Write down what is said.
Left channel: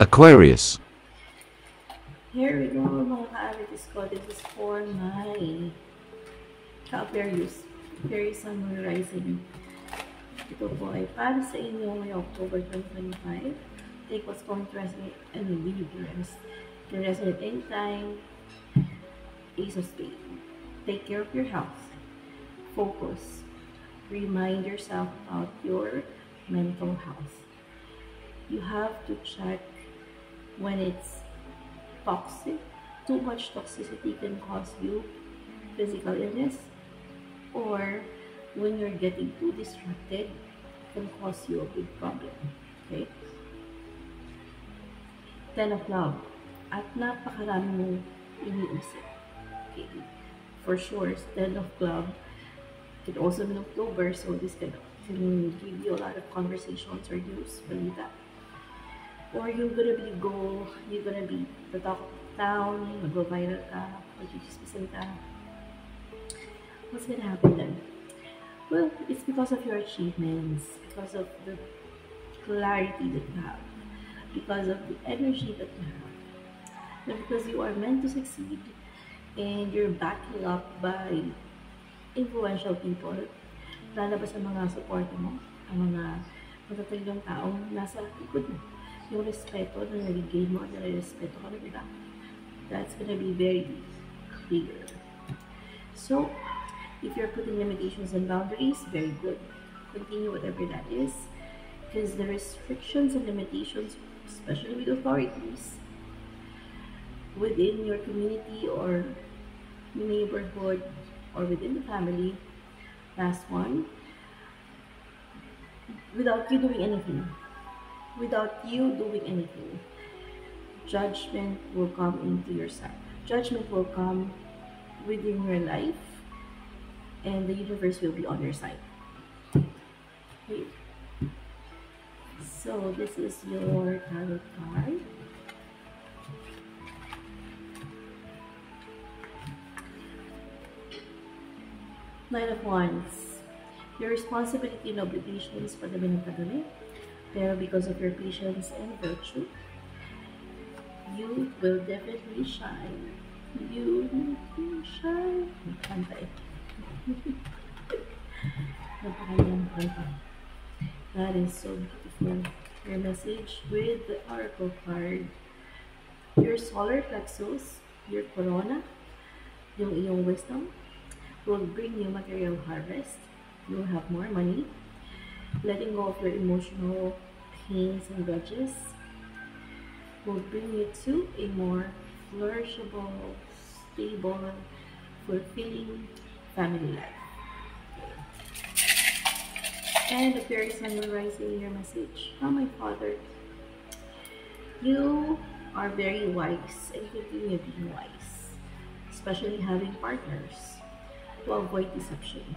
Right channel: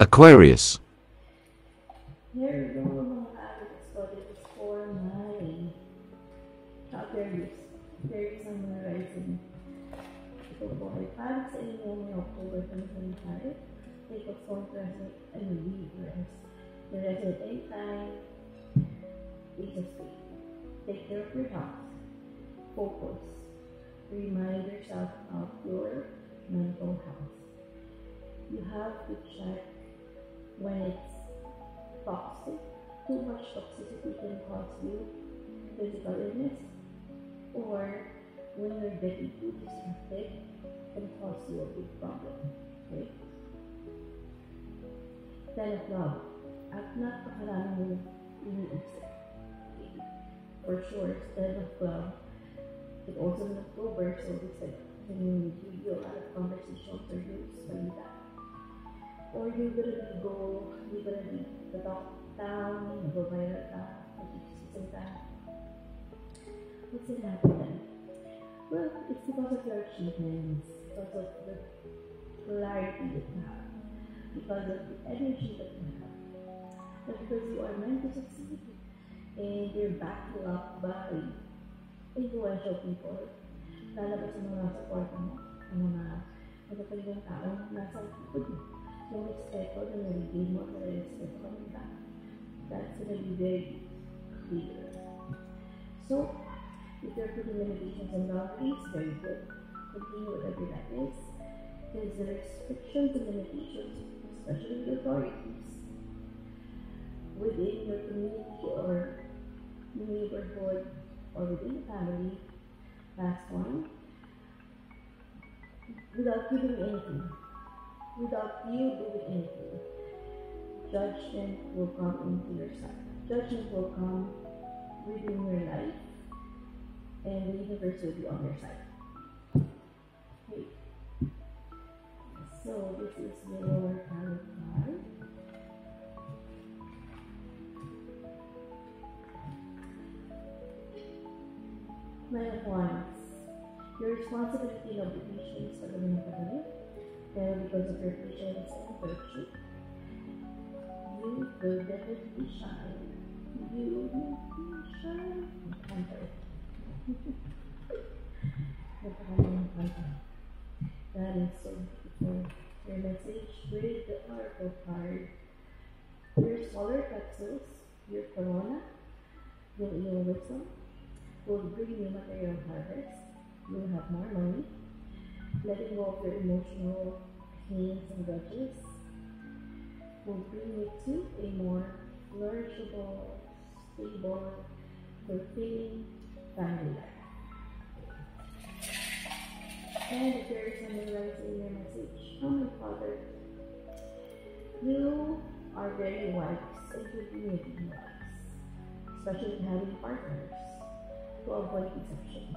Aquarius. Here we go, mga ka-Aquarius ko. This is for my ka-Aquarius. Aquarius Sun, Moon, Rising. Ito po ay para sa inyo ngayong October 2025. Take what's going to resonate and leave the rest. Can resonate anytime. Ace of Spades. Take care of your health. Focus. Remind yourself about your mental health. You have to check when it's toxic. Too much toxicity can cause you physical illness, or when you're getting too distracted, can cause you a big problem. Okay? 10 of love. At napakarami mong iniisip. Okay? For sure, 10 of love can also be in October, so this can give you a lot of conversations or news, balita. Or you're gonna be the talk of town, mag-viral ka, mag-chismisan ka. What's gonna happen then? Well, it's because of your achievements, because of the clarity that you have, because of the energy that you have, and because you are meant to succeed and you're backing up by influential people, lalabas ang mga support mo, ang mga matatagang taong nasa likod mo. Yung respeto na nare-gain mo, nare-respeto ka ng iba. That's gonna be very clear. So, if you're putting limitations and boundaries, very good. Continue whatever that is. Because the restrictions and limitations, especially with authorities, within your community or neighborhood or within the family, last one, without you doing anything, judgment will come into your side. Judgment will come within your life, and the universe will be on your side. Okay. So this is your tarot card. Nine of Wands. Your responsibility and obligations for the minute, pero because of your patience and virtue, you will definitely shine. You will shine. Pantay. Napakagandang kanta. That is so beautiful. Your message with the Oracle card. Your solar plexus, your corona, yung iyong wisdom, will bring you material harvest. You'll have more money. Letting go of your emotional pains and grudges will bring you to a more flourishable, stable, fulfilling family life. And the fairies are memorizing your message. Oh, my father, you are very wise and continue being wise, especially having partners to avoid deception.